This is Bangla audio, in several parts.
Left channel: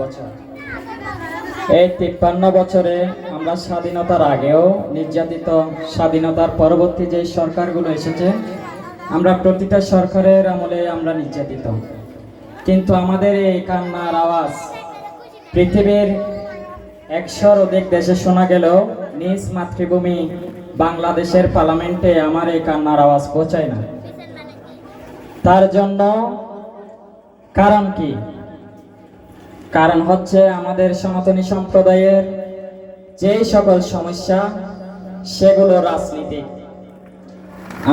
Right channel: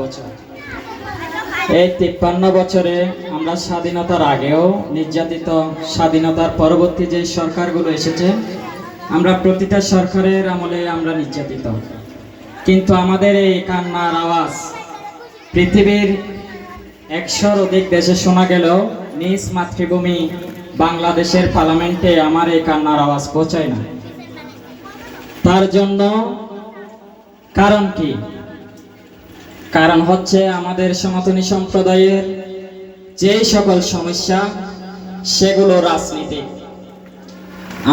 বছর। এই 53 বছরে আমরা স্বাধীনতার আগেও নির্যাতিত, স্বাধীনতার পরবর্তী যে সরকারগুলো এসেছে, আমরা প্রতিটা সরকারের আমলে আমরা নির্যাতিত। কিন্তু আমাদের এই কান্নার আওয়াজ পৃথিবীর 100-র অধিক দেশে শোনা গেলেও নিজ মাতৃভূমি বাংলাদেশের পার্লামেন্টে আমার এই কান্নার আওয়াজ পৌঁছায় না। তার জন্য কারণ কি? কারণ হচ্ছে আমাদের সনাতনী সম্প্রদায়ের যে সকল সমস্যা, সেগুলো রাজনীতিক।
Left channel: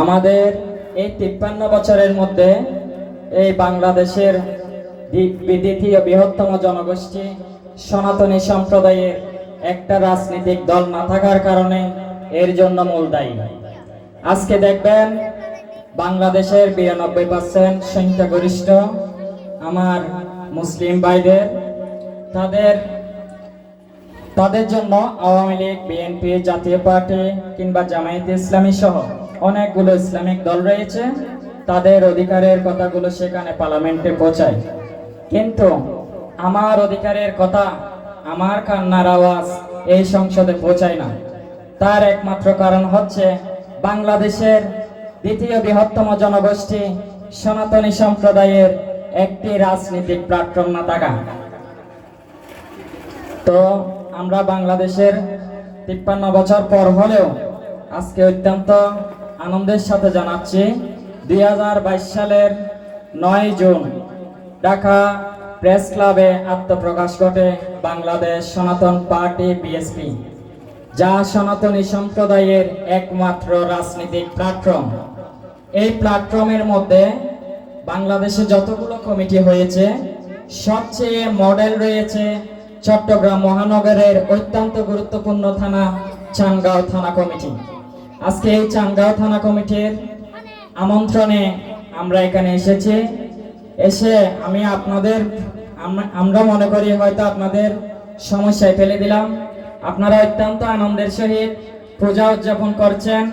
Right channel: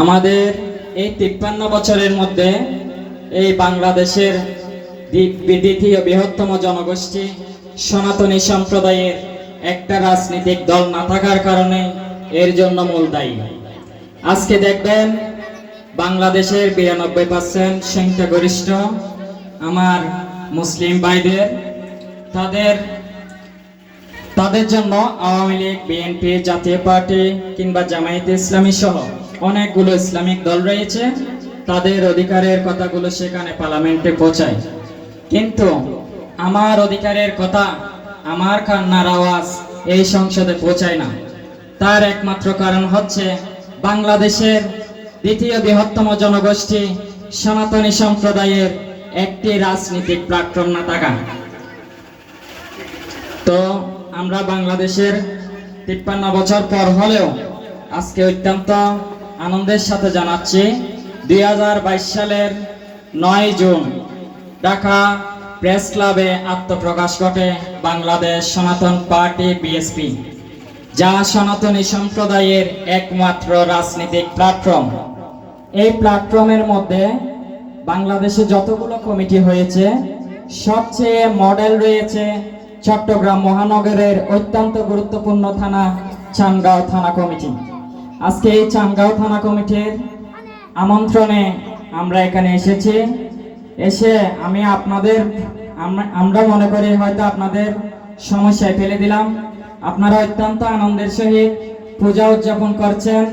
আমাদের এই 53 বছরের মধ্যে এই বাংলাদেশের দ্বিতীয় বৃহত্তম জনগোষ্ঠী সনাতনী সম্প্রদায়ের একটা রাজনৈতিক দল না থাকার কারণে এর জন্য মূল দায়ী। আজকে দেখবেন বাংলাদেশের 92% সংখ্যাগরিষ্ঠ আমার মুসলিম ভাইদের, তাদের জন্য আওয়ামী লীগ, বিএনপি, জাতীয় পার্টি কিংবা জামায়াতে ইসলামী সহ অনেকগুলো ইসলামিক দল রয়েছে। তাদের অধিকারের কথাগুলো সেখানে পার্লামেন্টে পৌঁছায়, কিন্তু আমার অধিকারের কথা, আমার কান্নার আওয়াজ এই সংসদে পৌঁছায় না। তার একমাত্র কারণ হচ্ছে বাংলাদেশের দ্বিতীয় বৃহত্তম জনগোষ্ঠী সনাতনী সম্প্রদায়ের একটি রাজনৈতিক প্ল্যাটফর্ম না থাকা। তো আমরা বাংলাদেশের 53 বছর পর হলেও আজকে অত্যন্ত আনন্দের সাথে জানাচ্ছি 2022 সালের 9 জুন ঢাকা প্রেস ক্লাবে আত্মপ্রকাশ ঘটে বাংলাদেশ সনাতন পার্টি বিএসপি, যা সনাতনী সম্প্রদায়ের একমাত্র রাজনৈতিক প্ল্যাটফর্ম। এই প্ল্যাটফর্মের মধ্যে বাংলাদেশে যতগুলো কমিটি হয়েছে, সবচেয়ে মডেল রয়েছে চট্টগ্রাম মহানগরের অত্যন্ত গুরুত্বপূর্ণ থানা চানগাঁও থানা কমিটি। আজকে এই চানগাঁও থানা কমিটির আমন্ত্রণে আমরা এখানে এসেছি। এসে আমরা মনে করি হয়তো আপনাদের সমস্যায় ফেলে দিলাম। আপনারা অত্যন্ত আনন্দের সহিত পূজা উদযাপন করছেন,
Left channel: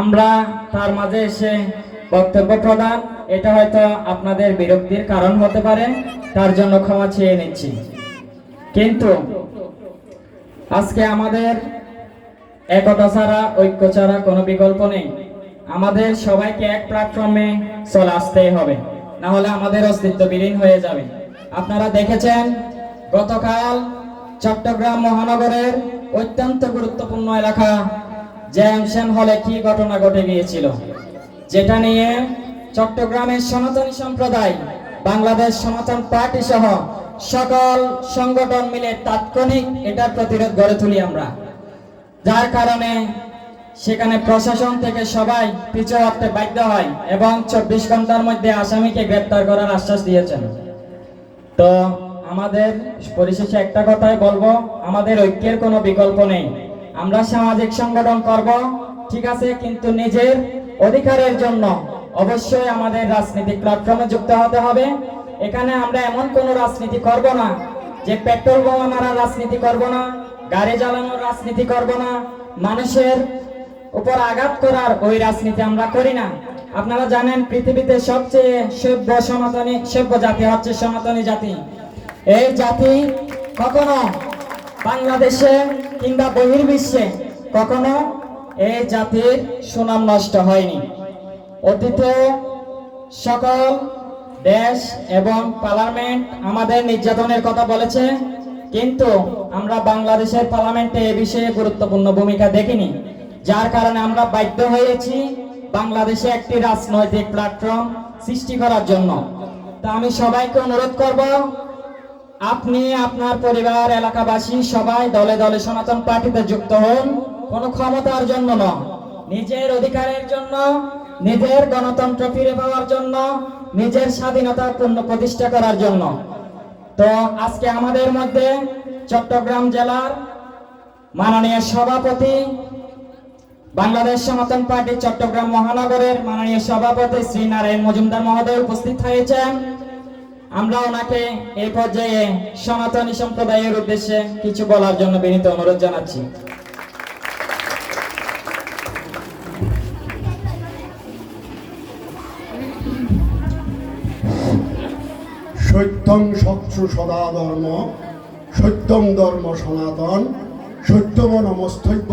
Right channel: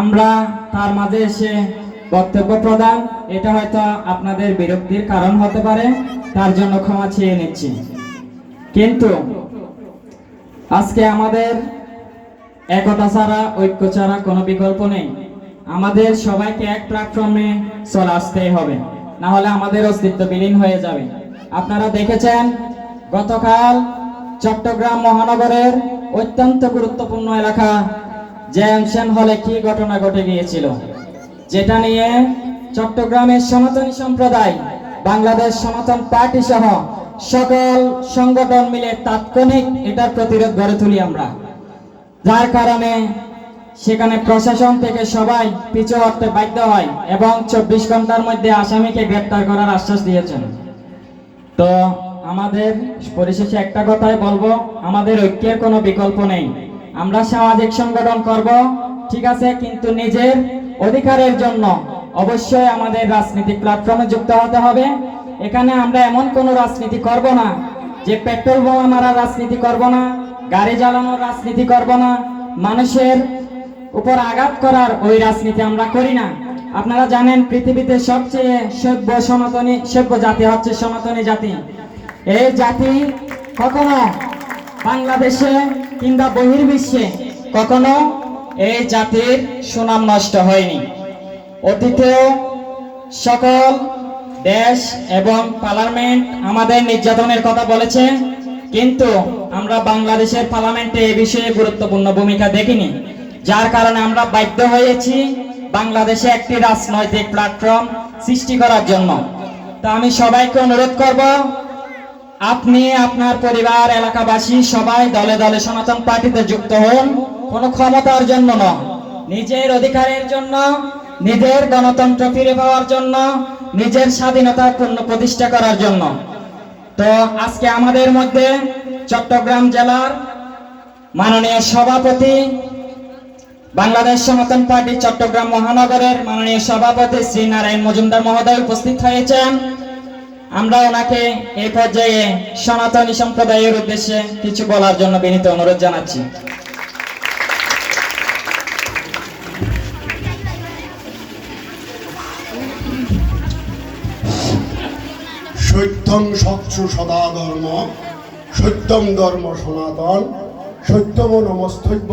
আমরা তার মাঝে এসে বক্তব্য প্রদান, এটা হয়তো আপনাদের বিরক্তির কারণ হতে পারে, তার জন্য ক্ষমা চেয়ে নিচ্ছি। কিন্তু আজকে আমাদের একতা ছাড়া, ঐক্য ছাড়া কোনো বিকল্প নেই। আমাদের সবাইকে এক প্ল্যাটফর্মে চলে আসতেই হবে, না হলে আমাদের অস্তিত্ব বিলীন হয়ে যাবে। আপনারা দেখেছেন গতকাল চট্টগ্রাম মহানগরের অত্যন্ত গুরুত্বপূর্ণ এলাকা জেএমসেন হলে কি ঘটনা ঘটে গিয়েছিল, যেটা নিয়ে চট্টগ্রামের সনাতনী সম্প্রদায়, বাংলাদেশ সনাতন পার্টি সহ সকল সংগঠন মিলে তাৎক্ষণিক এটার প্রতিরোধ গড়ে তুলি আমরা, যার কারণে সেখানে প্রশাসন থেকে সবাই পিছু হটতে বাধ্য হয় এবং 24 ঘন্টার মধ্যে আসামিকে গ্রেপ্তার করার আশ্বাস দিয়েছেন। তো আমাদের পরিশেষে একটা কথাই বলবো, আমাদের ঐক্যের কোনো বিকল্প নেই। আমরা সামাজিক সংগঠন করব, ঠিক আছে, কিন্তু নিজের অধিকারের জন্য অবশ্যই আমাদের রাজনৈতিক প্ল্যাটফর্মে যুক্ত হতে হবে। এখানে আমরা এমন কোনো রাজনীতি করব না যে পেট্রোল বোমা মারার রাজনীতি করব না, গাড়ি চালানোর রাজনীতি করব না, মানুষের উপর আঘাত করার ওই রাজনীতি আমরা করি না। আপনারা জানেন পৃথিবীতে সবচেয়ে সভ্য জাতি হচ্ছে সনাতনী জাতি। এই জাতি কখনো বাংলাদেশে কিংবা বহির্বিশ্বে কখনো এই জাতির সুনাম নষ্ট হয়নি। অতীতে সকল দেশ এবং পার্লামেন্ট আমাদের নির্যাতনের কথা বলেছে, কিন্তু আমরা বাংলাদেশের পার্লামেন্টে এ বিষয়ে গুরুত্বপূর্ণ ভূমিকা দেখিনি, যার কারণে আমরা বাধ্য হয়েছি বাংলাদেশে একটি রাজনৈতিক প্ল্যাটফর্ম সৃষ্টি করার জন্য। তো আমি সবাইকে অনুরোধ করব, আপনি আপনার পরিবার, এলাকাবাসী সবাই দলে দলে সনাতন পার্টিতে যুক্ত হন, কোনো ক্ষমতার জন্য নয়, নিজের অধিকারের জন্য, নিজের গণতন্ত্র ফিরে পাওয়ার জন্য, নিজের স্বাধীনতা পূর্ণ প্রতিষ্ঠা করার জন্য। তো আজকে আমাদের মধ্যে চট্টগ্রাম জেলার মাননীয় সভাপতি, বাংলাদেশ সনাতন পার্টি চট্টগ্রাম মহানগরের মাননীয় সভাপতি শ্রী নারায়ণ মজুমদার মহোদয় উপস্থিত হয়েছেন। আমরা ওনাকে এই পর্যায়ে সনাতনী সম্প্রদায়ের উদ্দেশ্যে কিছু বলার জন্য বিনীত অনুরোধ জানাচ্ছি। সত্যং সৎসু সদা ধর্ম, সত্যং ধর্ম সনাতন, সত্যম নমস্তব্য,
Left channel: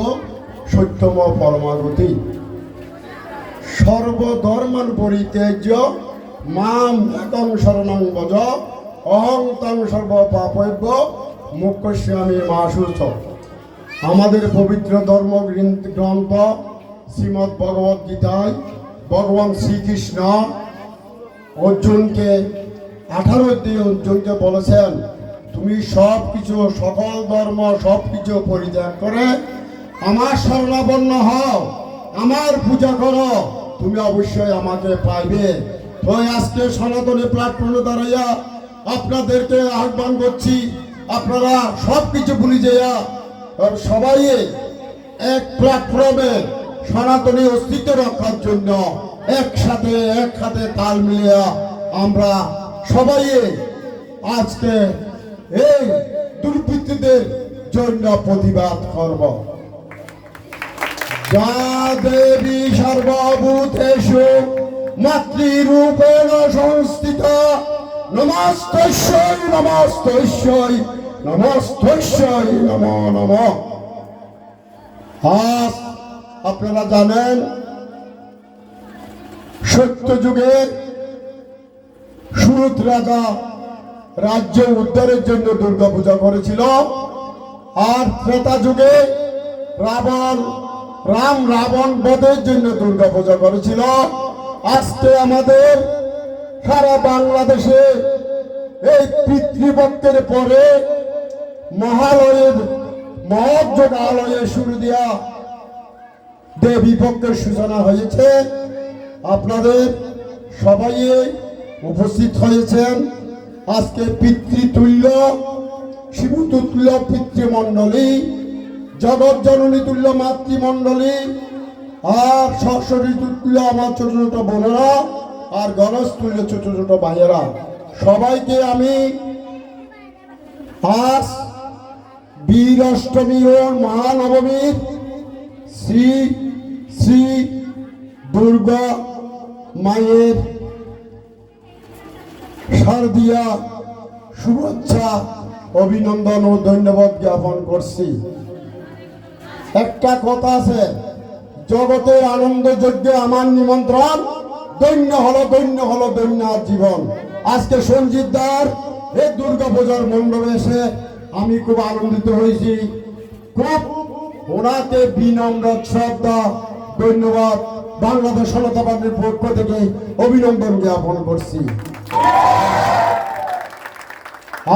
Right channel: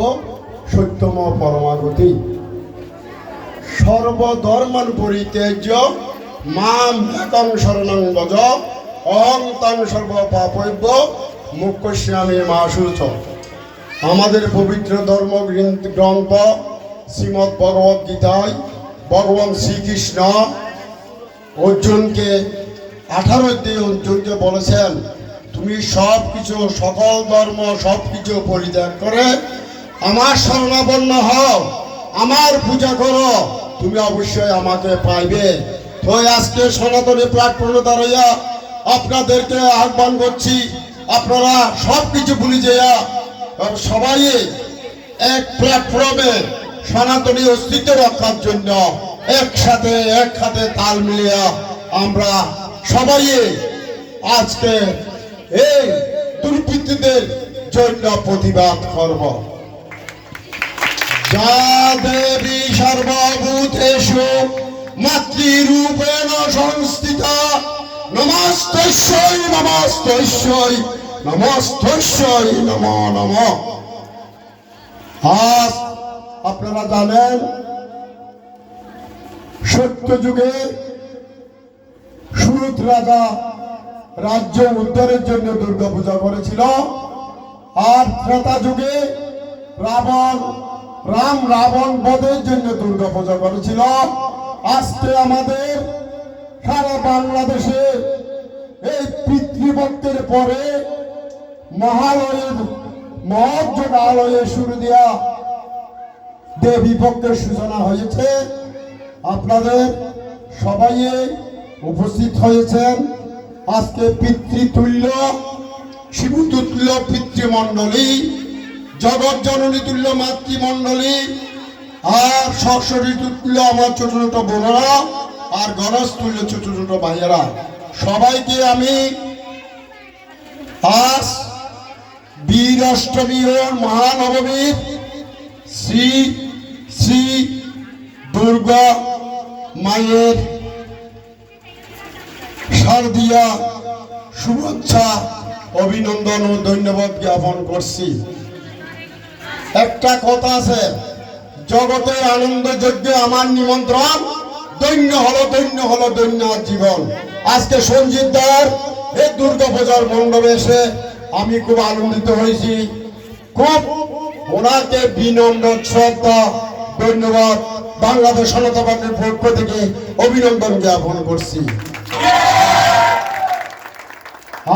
সত্যম পরমাগতি। সর্বধর্মান পরিত্যাজ্য মাম একং শরণং ভজ, অহং তং সর্ব পাপব্য মোক্ষয়িষ্যামি মা শুচ। আমাদের পবিত্র ধর্ম গ্রন্থ শ্রীমদ্ ভগবদ গীতায় ভগবান শ্রীকৃষ্ণ অর্জুনকে 18 দিয়ে অর্জুনকে বলেছেন, তুমি সব কিছু সকল ধর্ম সব কিছু পরিত্যাগ করে আমার শরণাপন্ন হও, আমার পূজা করো, তুমি অবশ্যই আমাকে পাইবে। তো আজকে সনাতনী প্ল্যাটফর্মে দাঁড়াইয়া আপনাদেরকে আহ্বান করছি, আপনারা সব কিছু ভুলে যাইয়া সবাই এক প্ল্যাটফর্মে সনাতনী অস্তিত্ব রক্ষার জন্য একসাথে এক হাতে তাল মিলিয়া আমরা সবাই আজকে এই দুর্বৃত্তদের জন্য প্রতিবাদ করব। যা দেবী সর্বভূতেষু মাতৃরূপেণ সংস্থিতা, নমস্তস্যৈ নমস্তস্যৈ নমস্তস্যৈ নমো নমঃ। আজ আপনারা জানেন সত্য যুগের সুরত রাজা রাজ্য উদ্ধারের জন্য দুর্গা পূজা করেছিল, আর ত্রেতা যুগে রাবণ বধের জন্য দুর্গা পূজা করেছিল। আজকে আমাদের সারা বাংলাদেশে এই পিতৃপক্ষের পরে মহালয়ের মহোৎসব আলয়ে শুরু দিয়া দেবী পক্ষের সূচনা হয়েছে। আপনাদের সবাই উপস্থিত হয়েছেন। আজকে পিতৃতুল্য শিবতুল্য পিতৃমণ্ডলী, জগৎ জননী তুল্য মাতৃমণ্ডলী, আর সরস্বতী তুল্য আমার ছোট ছোট বোনেরা, আর গণেশ তুল্য ছোট ছোট ভাইয়েরা, সবাইকে আমি আজ বীর অষ্টমী ও মহানবমীর শ্রী শ্রী দুর্গা মায়ের শারদীয়া শুভেচ্ছা অভিনন্দন ও ধন্যবাদ জ্ঞাপন করছি। একটা কথা আছে, জগতের আনন্দ যজ্ঞে আমার নিমন্ত্রণ, দৈন্য হলো দৈন্য হলো দৈন্য জীবন। আজকে সঞ্জিত দার এই দুর্গা পূজার মণ্ডপে এসে আমি খুব আনন্দিত হয়েছি। খুব ওনাকে বিনম্র শ্রদ্ধা ধন্যবাদ বাংলাদেশ সনাতন পার্টির পক্ষ থেকে অভিনন্দন জ্ঞাপন করছি।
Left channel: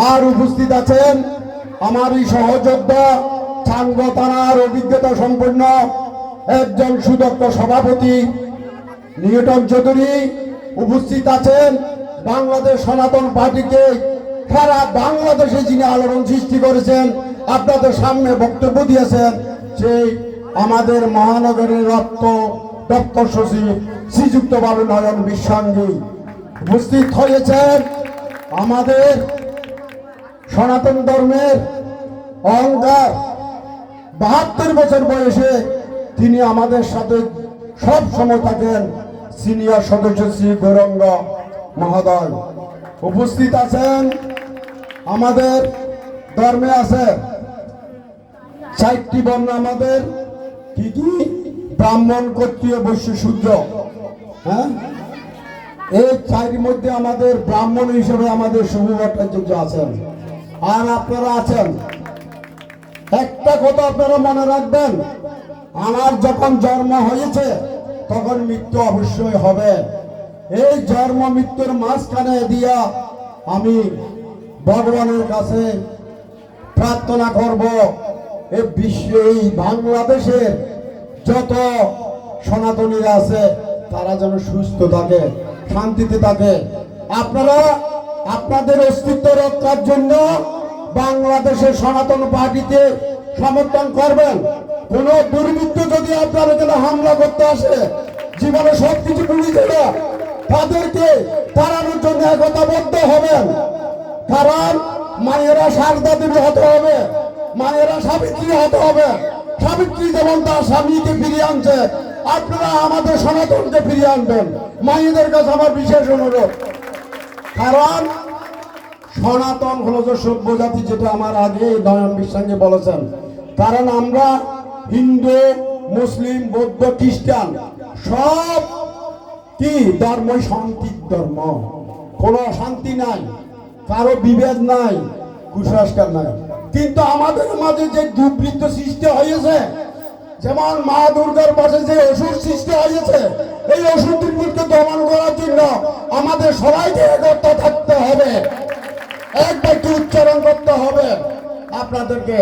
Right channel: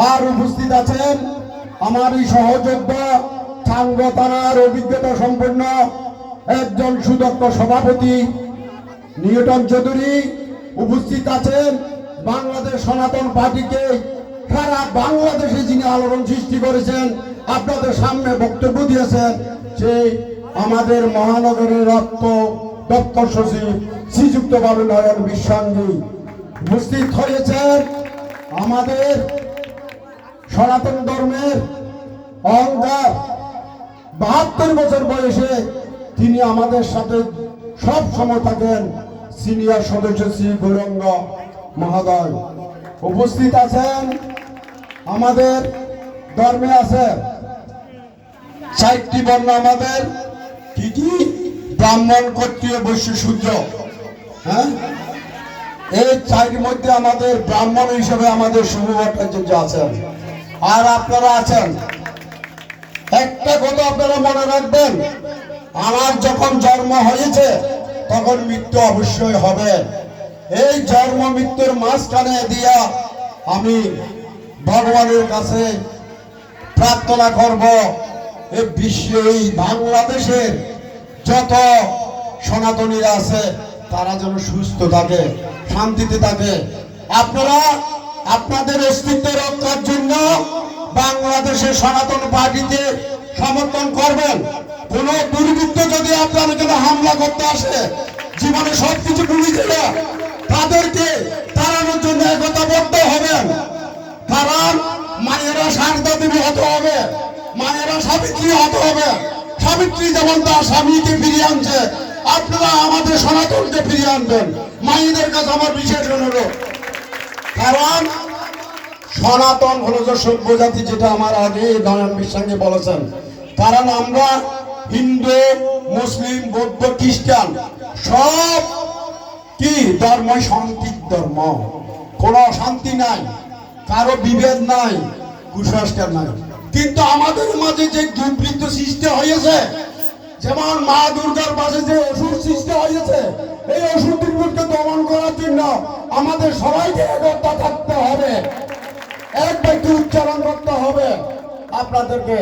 আর উপস্থিত আছেন আমার এই সহযোদ্ধা সাঙ্গ থানার অভিজ্ঞতা সম্পন্ন একজন সুদক্ষ সভাপতি নিউটন চৌধুরী। উপস্থিত আছেন বাংলাদেশ সনাতন পার্টিকে সারা বাংলাদেশে যিনি আলোড়ন সৃষ্টি করেছেন, আপনাদের সামনে বক্তব্য দিয়েছেন, সেই আমাদের মহানগরের দপ্তর সচিব শ্রীযুক্ত বাবু নয়ন বিশ্বাঙ্গী। উপস্থিত হয়েছেন আমাদের সনাতন ধর্মের অহংকার, 72 বছর বয়সে তিনি আমাদের সাথে সব সময় থাকেন, সিনিয়র সদস্য শ্রী গৌরঙ্গ মহোদয়। উপস্থিত আছেন আমাদের ধর্মে আছে 4টি বর্ণ, আমাদের কি কি ব্রাহ্মণ, ক্ষত্রিয়, বৈশ্য, শূদ্র। হ্যাঁ, এই 4টির মধ্যে আমাদের ব্রাহ্মণ হিসেবে আমাদের শুভ ভট্টাচার্য আছেন, আর আপনারা আছেন। একটা কথা আপনারা মনে রাখবেন, আমার যখন জন্ম হয়েছে তখন মৃত্যু অবশ্যই হবে। এই জন্ম মৃত্যুর মাঝখানে দিয়া আমি ভগবানের কাছে প্রার্থনা করব, এই বিশ্বে এই বাংলাদেশের যত সনাতনীরা আছে তারা যেন সুস্থ থাকে, শান্তিতে থাকে। আপনারা আপনাদের অস্তিত্ব রক্ষার জন্য বাংলাদেশের সনাতন পার্টিতে সমর্থন করবেন। কোন দুর্বৃত্ত যদি আপনার এখানে হামলা করতে আসে, জীবনে সবকিছু ভুলে যাবে, তাদেরকে তাড়ানোর জন্য একতাবদ্ধ হবেন। কারণ মায়েরা শারদা দেবী হতে হবে, মায়েরা সাবিত্রী হতে হবে। সাবিত্রী যেমন তার স্বামীকে ফিরিয়ে আনছে, আপনারা আমাদের সনাতনকে ফিরিয়ে আনবেন। মায়েদের কাছে আমার বিশেষ অনুরোধ। কারণ সনাতন হলো যে সভ্য জাতি, যেটা আমার আগে দয়ান বিশ্বাসী বলেছেন। কারণ আমরা হিন্দু, মুসলিম, বৌদ্ধ, খ্রিস্টান সব কি ধর্ম শান্তির ধর্ম, কোনো অশান্তি নাই, কারো বিভেদ নাই, কুসংস্কার নাই। কিন্তু আমাদের মাঝে যে দুর্বৃত্ত সৃষ্টি হয়েছে, যেমন মা দুর্গার পাশে যে অসুর সৃষ্টি হয়েছে, এই অসুর দুর্বৃত্তকে দমন করার জন্য আমাদের সবাইকে একত্র থাকতে হবে, এক ব্যক্তি উচ্চারণ করতে হবে আপনাদেরকে।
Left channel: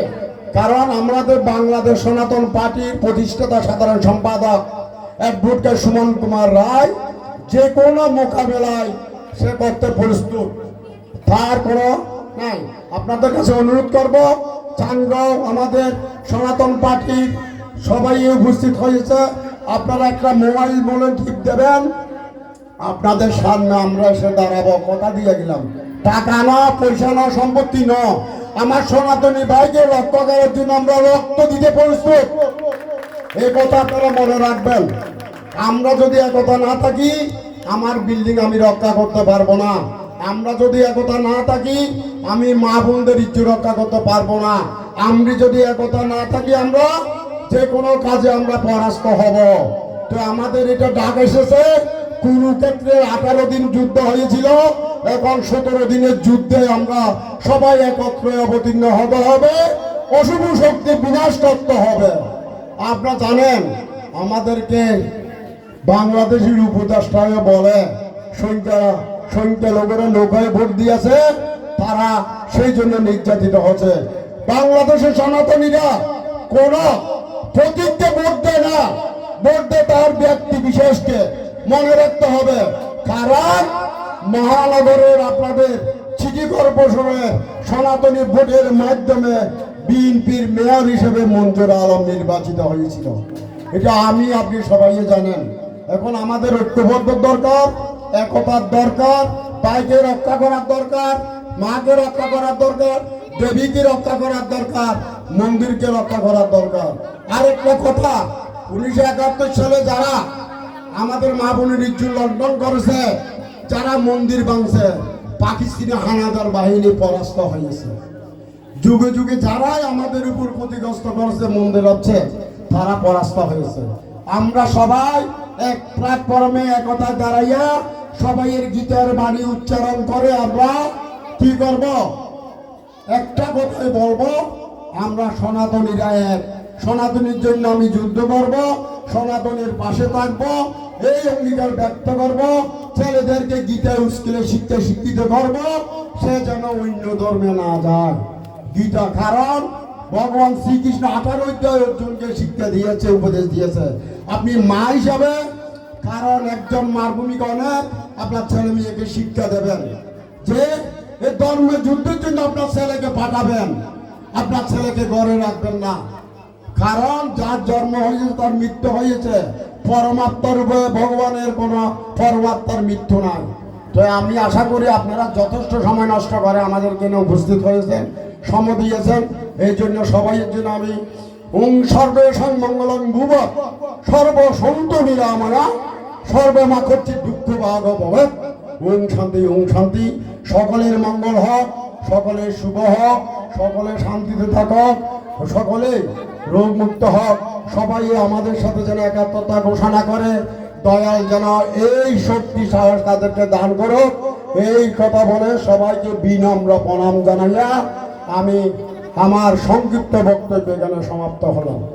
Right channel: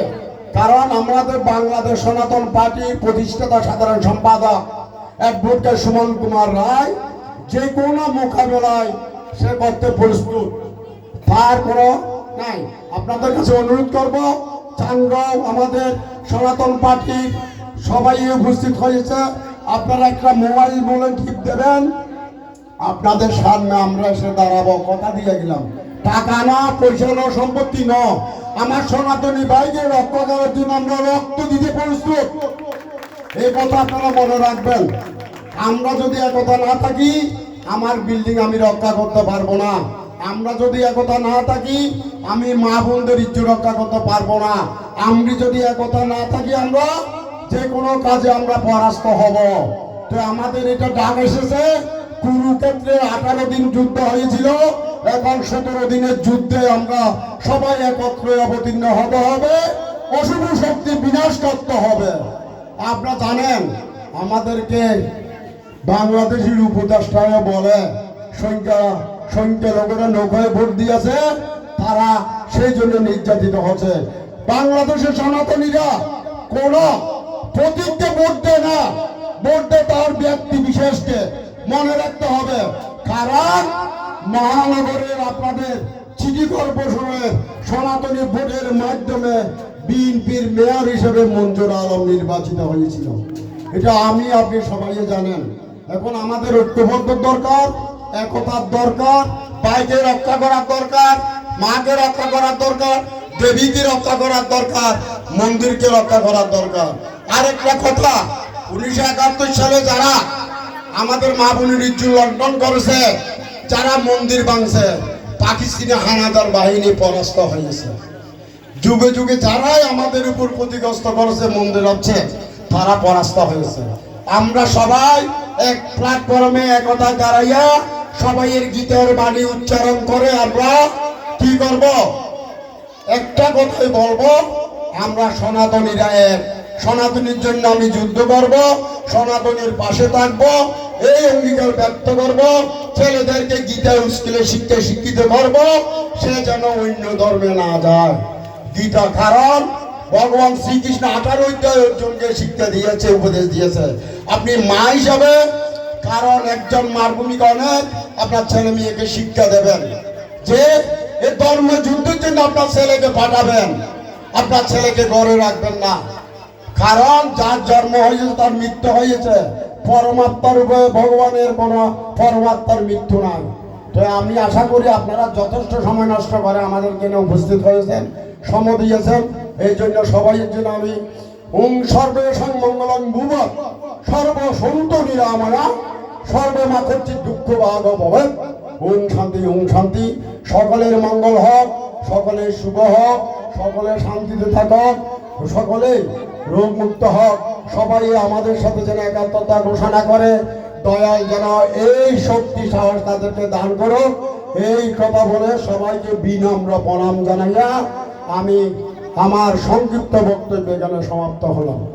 কারণ আমাদের বাংলাদেশ সনাতন পার্টির প্রতিষ্ঠাতা সাধারণ সম্পাদক অ্যাডভোকেট সুমন কুমার রায় যে কোনো মোকাবেলায় সে করতে প্রস্তুত, তার কোনো নাই। আপনাদের কাছে অনুরোধ করব, চানগাঁও আমাদের সনাতন পার্টির সবাই উপস্থিত হয়েছে, আপনারা একটা মোবাইল বলে টিপ দেবেন, আপনাদের সামনে আমরা এসে দাঁড়াবো, কথা দিয়ে গেলাম। টাকা না, পয়সা না, সম্পত্তি না, আমার সনাতনী ভাইকে রক্ষা করার জন্য আমরা রক্ত দিতে প্রস্তুত, এই কথা আপনারা মনে রাখবেন। আমরা যদি একতা না থাকি, আমার বিল্ডিং আমি রক্ষা করতে পারবো না। আমরা যদি একতা না থাকি, আমি মা বোনদের ইজ্জত রক্ষা করতে পারবো না। আমরা যদি একতা না থাকি, আমরা যে কোনো কাজে আমরা পরাস্ত হব। তো আমাদের এটা ডাক এসেছে, কুরুক্ষেত্রে 18 দিন যুদ্ধ হয়েছিল, এখন 17 দিনের যুদ্ধে আমরা সবাই একত্রে অবতীর্ণ হতে হবে, অশুভ শক্তি বিনাশ করতে হবে। আপনারা জানেন আমাদেরকে বাংলাদেশের উপদেষ্টায় বলে সংখ্যা লোকেরা নৌকায় ভোট দিয়েছে, তারা সেই জন্য নির্যাতিত হচ্ছে। বাংলাদেশের সনাতনীরা কোন প্রতীককে ভোট দেয় না, ভোট দেয় তার ব্যক্তি বিশেষকে, মনে রাখতে হবে। কারণ মহানগরের আপনাদের সিটি কর্পোরেশনের সনাতনী ভোটের মাধ্যমে বিএনপির মেয়র হিসেবে মঞ্জুর আলম নির্বাচিত হয়েছিল, এটা আমি আপনি সবাই জানেন। এখন আমাদের ঐক্যবদ্ধ দরকার, একতার দরকার, ভাইকে রক্ষা করার দরকার, মাকে রক্ষা করার দরকার, দেবীকে রক্ষা করার দরকার, মন্দিরকে রক্ষা করার দরকার। আরেকটা কথা, 1971 সালে যারা আমাদের মা বোনের ইজ্জত লঙ্ঘন করেছে, যারা মন্দির ভাঙছে, পাকিস্তানি হানাদার বাহিনী পরাস্ত হয়েছে। যুগে যুগে যারাই আমাদের উপর ক্ষতিগ্রস্ত করেছে, মন্দির আছে, তারা পরাস্ত হয়েছে। আমরা সবাই এক প্ল্যাটফর্মে একতা দাঁড়াইয়া সবাইয়ের গীতের বাণী উচ্চারণ করে আমরা কি করব? একটা কথাই বলবো, আমরা সনাতনীরা এক, সনাতনীর জন্য আমি যুদ্ধ করব, সনাতনীর পাশে থাকবো, এই অঙ্গীকার ব্যক্ত করব। ছেলেদেরকে গীতা স্কুলে শিক্ষিত করব, সে যেন অন্য ধর্মে না যায়। গীতা, কারণ ভগবান শ্রীকৃষ্ণ 18 অধ্যায় অর্জুনকে শিক্ষা দিয়েছে, উপদেশ দিয়েছে। আপনি মা হিসাবে, কারণ একজন মার ভূমিকা অনেক, আপনার ছেলে মেয়েকে শিক্ষা দেবেন যে এই ধর্ম যুদ্ধের জন্য আপনার ছেলেকে পাঠাবেন, আপনার ছেলেকে ঘরে রাখবেন না। কারণ যার জন্ম হয়েছে তার মৃত্যু হয়েছে, পরমাত্মার উপরে ভগবানের কোনো পরমাত্মার মৃত্যু নাই। তো আমি আশা করি আপনারা যথেষ্ট সময় নষ্ট করে আমাদের জন্য উপস্থিত হয়েছেন, সময় দিয়েছেন। এই জন্য সবাইয়ের জন্য আমি ওম সর্বে সংমঙ্গলং ভুব সর্বসন্ত নিরাময়া সর্বমাখচ্ছি দুঃখ বাধ ভবেৎ। ওম শান্তি, ওম শান্তি। সকলের মঙ্গল হোক, সকলের শুভ হোক, সকলে শান্তিতে থাকুক, সকলে রোগ মুক্ত হোক। সবাই আমাদের সাথে যেন একাত্মতা ঘোষণা করে, দয়াল যেন এই শক্তি সাহস তাদেরকে দান করুক। এই কথা বলে সবাইকে বিনম্র প্রণাম জানাইয়া আমি আমার সংক্ষিপ্ত বক্তব্য এখানে সমাপ্ত হলাম।